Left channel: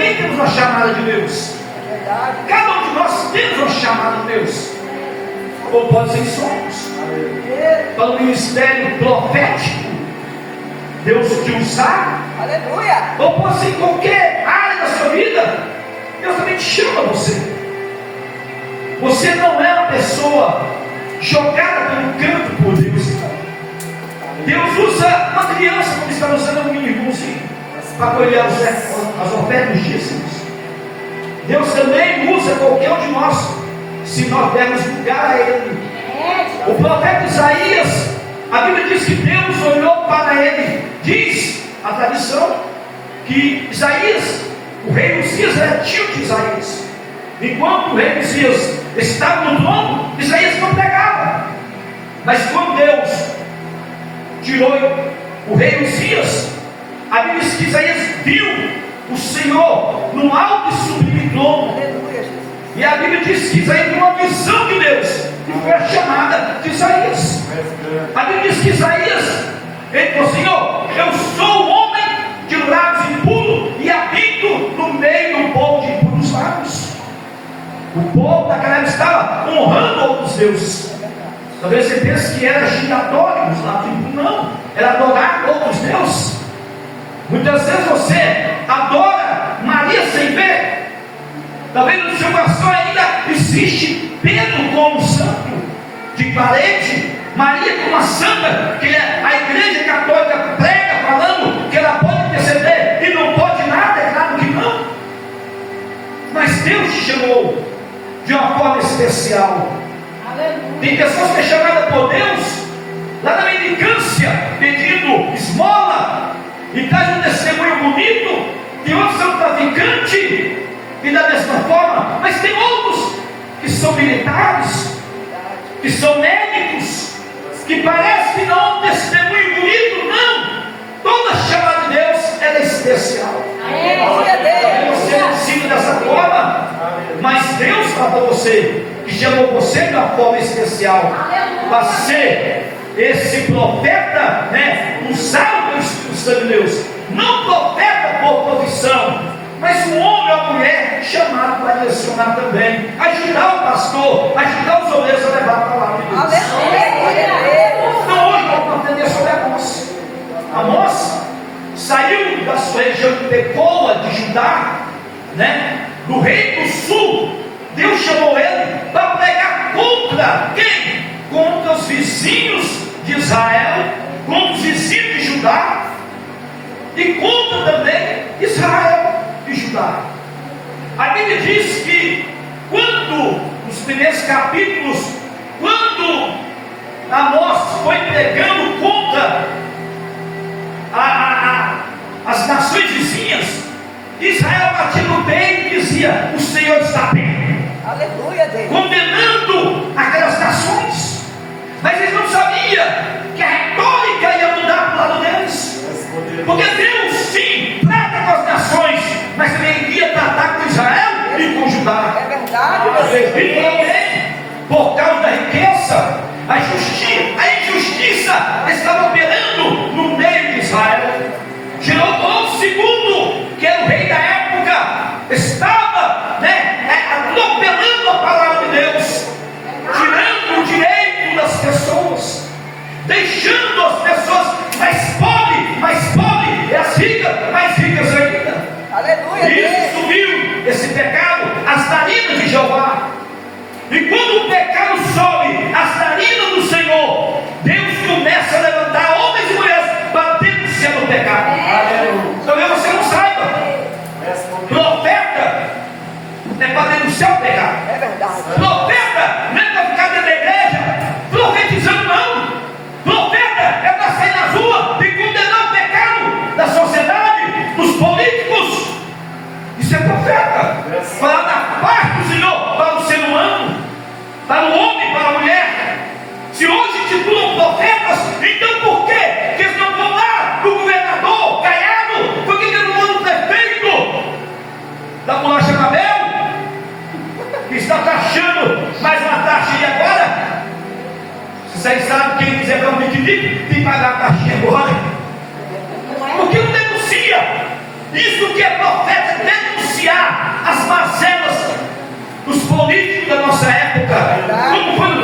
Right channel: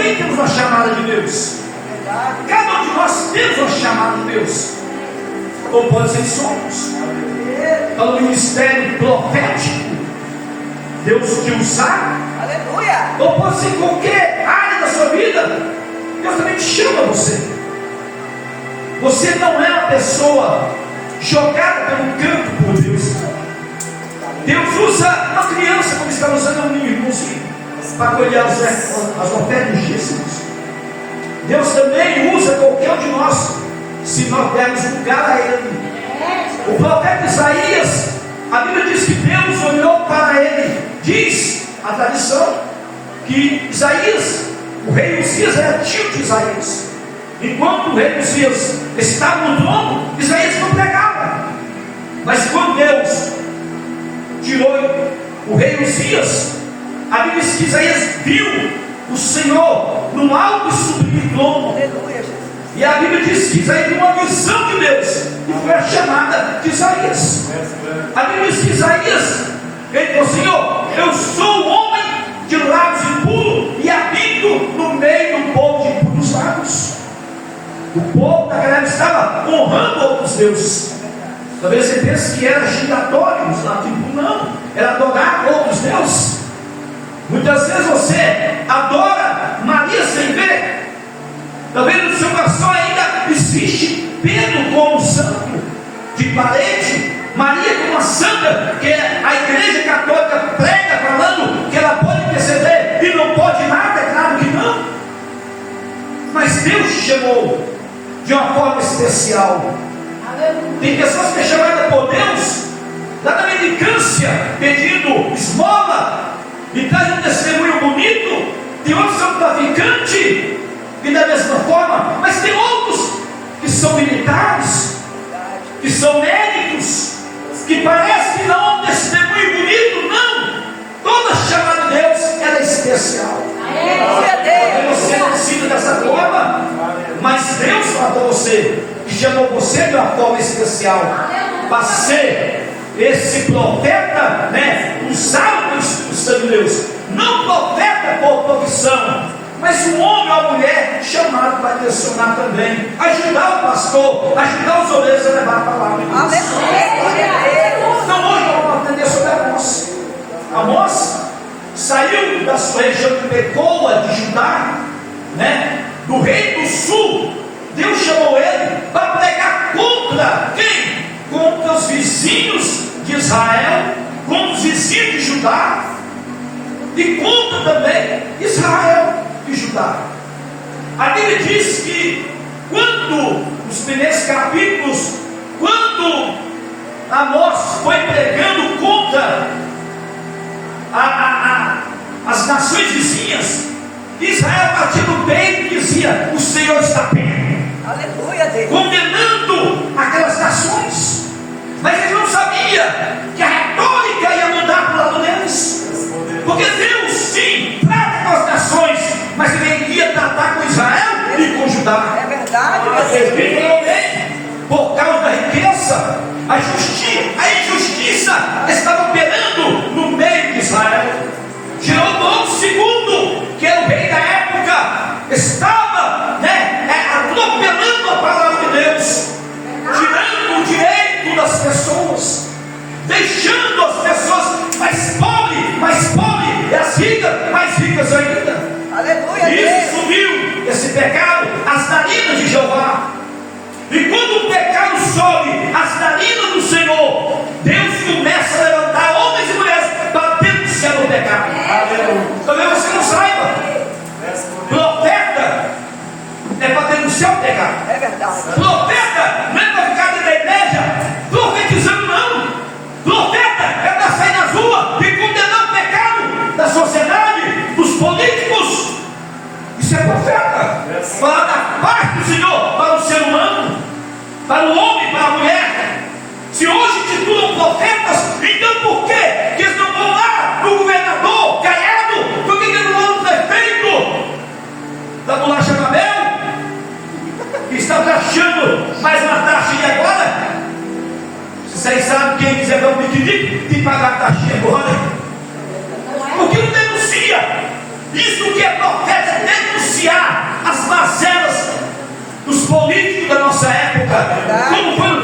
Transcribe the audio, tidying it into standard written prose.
também temos uma chamada de Deus. Cada um de nós temos uma chamada de Deus. Ou pode ser somos. Para o ministério profético, Deus te usar. Aleluia. Ou pode ser em qualquer área da sua vida. Deus também te chama você. Você não é uma pessoa jogada pelo canto por Deus. Deus usa uma criança, como está usando um meninozinho, para colher as ofertas dos dízimos. Deus também usa qualquer um de nós, se nós dermos lugar a Ele. O profeta Isaías, a Bíblia diz que Deus olhou para ele. Diz a tradição que Isaías, o rei Uzias, era tio de Isaías. Enquanto o rei Uzias estava no trono, Isaías não pregava. Mas quando Deus tirou o rei Uzias, a Bíblia diz que Isaías viu o Senhor no alto e sublime trono. E a Bíblia diz que Isaías viu uma visão de Deus, e foi a chamada de Isaías. A Bíblia diz que Isaías, ele falou: Senhor, eu sou um homem de lábios impuros e habito no meio do povo de impuros lábios. O povo daquela época estava honrando outros deuses. Talvez você pense que era giratório os lábios impuros. Não, era adorar outros deuses. Muitas vezes você adora Maria sem ver. Talvez no seu coração ainda existe Pedro como santo de parede, Maria como uma santa, que a igreja católica prega falando que ela pode interceder e não pode nada, é claro que não. Mas Deus te chamou de uma forma especial. Tem pessoas que é chamada por Deus lá na mendicância, pedindo esmola e traz um testemunho bonito. Tem outros que são traficantes e da mesma forma, mas tem outros que são militares, que são médicos, que parece que não há um testemunho bonito. Não, toda chamada de Deus ela é especial. Você não ensina dessa forma, mas Deus falou você, que chamou você de uma forma especial para ser esse profeta, né, usado pelo Espírito Santo de Deus, não profeta por profissão, mas um homem ou mulher chamado para direcionar também, ajudar o pastor, ajudar os obreiros a levar a palavra de Deus. Então hoje nós vamos aprender sobre Amós. Amós saiu da sua região de Tecoa, de Judá, né, do rei do sul. Deus chamou ele para pregar contra quem? Contra os vizinhos de Israel, contra os vizinhos de Judá e contra também Israel e Judá. A Bíblia diz que quando, nos primeiros capítulos, quando Amós foi pregando contra as nações vizinhas, Israel batia no peito e dizia: o Senhor está perto. Aleluia, Deus. Condenando aquelas nações, mas eles não sabiam que a retórica ia mudar para o lado deles, porque Deus sim trata com as nações, mas ele ia tratar com Israel e com Judá. É verdade. Por causa da riqueza, a injustiça estava operando no meio de Israel. Jeroboão II, que era o rei da época, estava, atropelando a palavra de Deus, tirando o direito das pessoas, deixando as pessoas mais pobres, e as ricas mais ricas ainda. Aleluia. Isso subiu, esse pecado, as narinas de Jeová. E quando o pecado sobe as narinas do Senhor, Deus começa a levantar homens e mulheres para denunciar o pecado. Talvez você não saiba, profeta é para denunciar o pecado. É verdade. Profeta não é para ficar dentro da igreja profetizando, não. Profeta é para sair na rua e condenar o pecado da sociedade, dos políticos. Isso é profeta. Falar da parte do Senhor para o ser humano, para o homem, para a mulher. Se hoje titulam profetas, então por quê? Que eles não vão lá no governador Caiado? Por que eles não vão no prefeito da bolacha Mabel, que está taxando mais uma taxa de agora? Vocês sabem que ele quiser dar um piquenique, tem que pagar a taxinha agora. Porque não denuncia. Isso que é profeta, denuncia denunciar as mazelas dos políticos da nossa época, como foi no